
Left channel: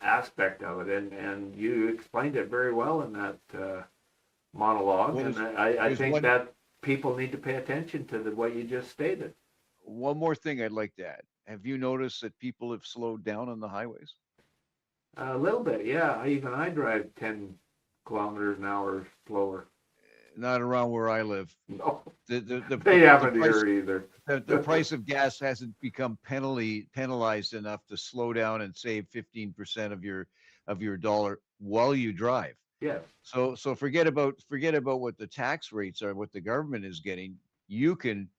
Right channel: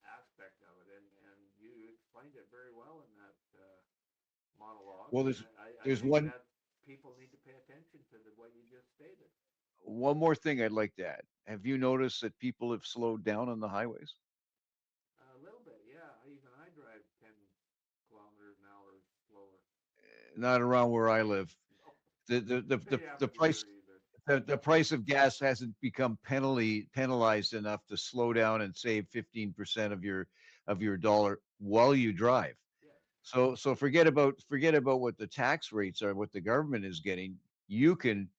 aspect of it. And you explained it very well in that monologue. Well, and I think that people need to pay attention to what you just stated. One more thing I'd like to add. Have you noticed that people have slowed down on the highways? A little bit, yeah. Even I drive 10 kilometers an hour slower. Not around where I live. No, they haven't here either. The price of gas hasn't become penalized enough to slow down and save 15% of your dollar while you drive. Yes. So forget about what the tax rates are, what the government is getting. You can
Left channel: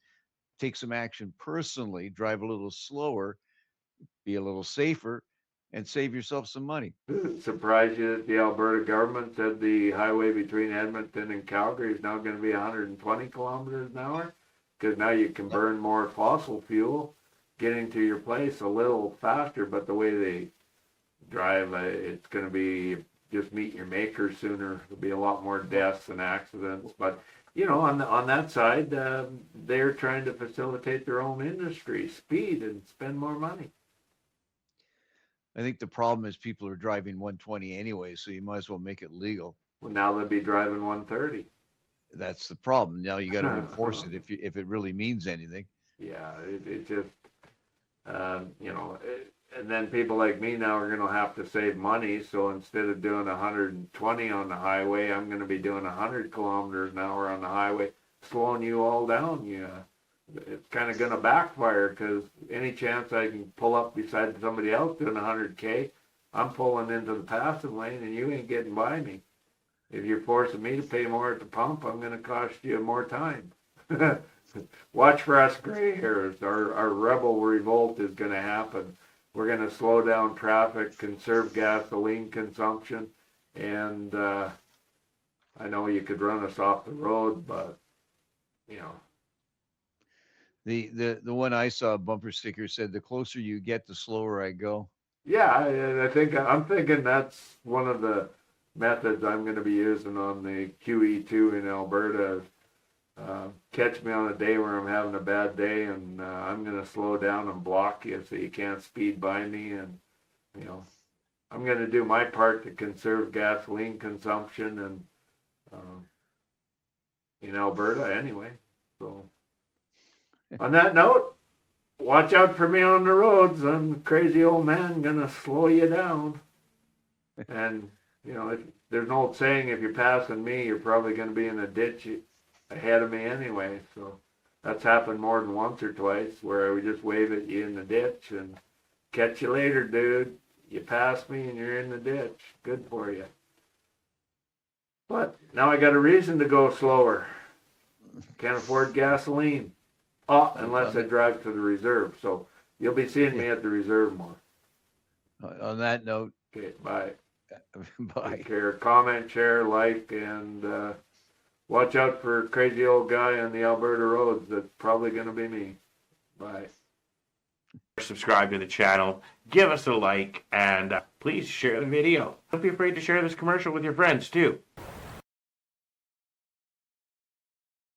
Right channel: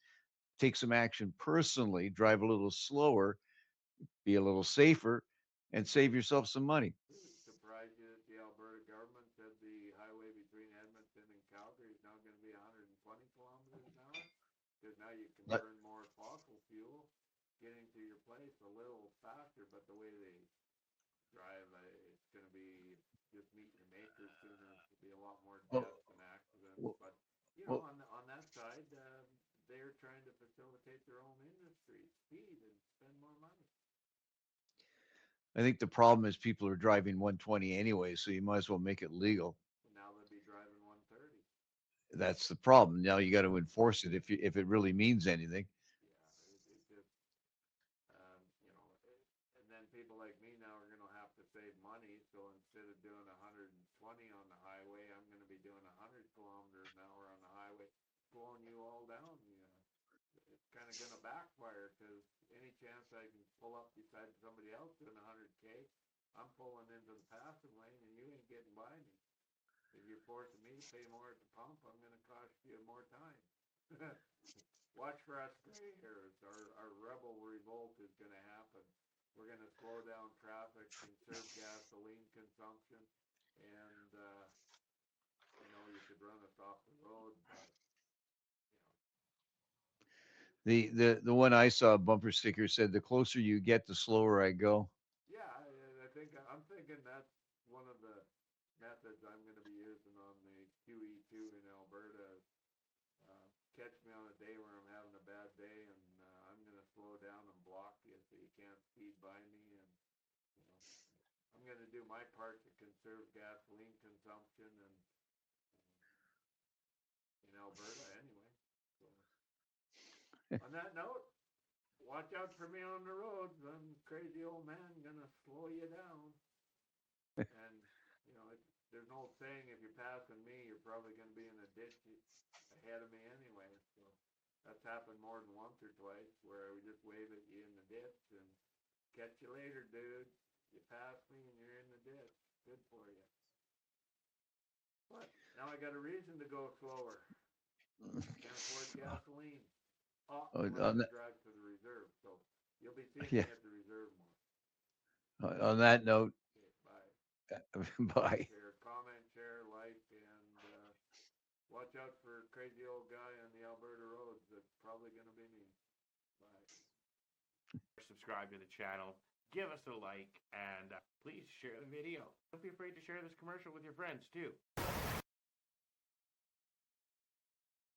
take some action personally, drive a little slower, be a little safer, and save yourself some money. Does it surprise you that the Alberta government said the highway between Edmonton and Calgary is now going to be 120 kilometers an hour? Because now you can burn more fossil fuel getting to your place a little faster, but the way they drive, it's going to be just meet your maker sooner. There'll be a lot more deaths and accidents. But, on that side, they're trying to facilitate their own industry, speed, and spend more money. I think the problem is people are driving 120 anyway, so you might as well make it legal. Well, now they'll be driving 130. That's the problem. Now you got to enforce it if it really means anything. Yeah, it just, and then people like me now are going to have to save money. So instead of doing 120 on the highway, I'm going to be doing 100 kilometers an hour on the highway, slowing you all down. It's kind of going to backfire because any chance I can pull up beside somebody else doing 100K, I'm pulling into the passing lane and you ain't getting by me. If you're forcing me to pay more at the pump, I'm going to cost you more time. Watch for us gray hairs. Our rebel revolt is going to happen. We're going to slow down traffic, conserve gasoline consumption, and I know you could run us off the road, but, The one I saw, bumper sticker said, "The closer you get, the slower I go." Yeah, I'm thinking that's one of the methods I'm going to be using on the QE2 in Alberta. Catch me on a day where I'm having a bad day, and I'm going to slow down and block you so you can't speed by me. And I'm going to do my part to conserve gasoline consumption and in Alberta anyway. So. On that note, watch out for me on the roads. I'm a crazy old man gonna slow you down. And, there's an old saying, if you're passing me, you're probably gonna be in a ditch ahead of me anyway. So that's happened more than once or twice where I would just wave at you in the ditch and catch you later, dude. You passed me and you're in the ditch. Good for you. But now I got a reason to go slower. Can't afford gasoline. Unless I drive to the reserve. So you'll be seeing me at the reserve more. On that note. Okay, bye. Bye. Take care. Comment, share, like, and watch out for crazy old guy on the Alberta roads. That's probably going to be me. Bye. Subscribe to the channel, give us a like, and please share the video. Don't be afraid to share this commercial with your friends too.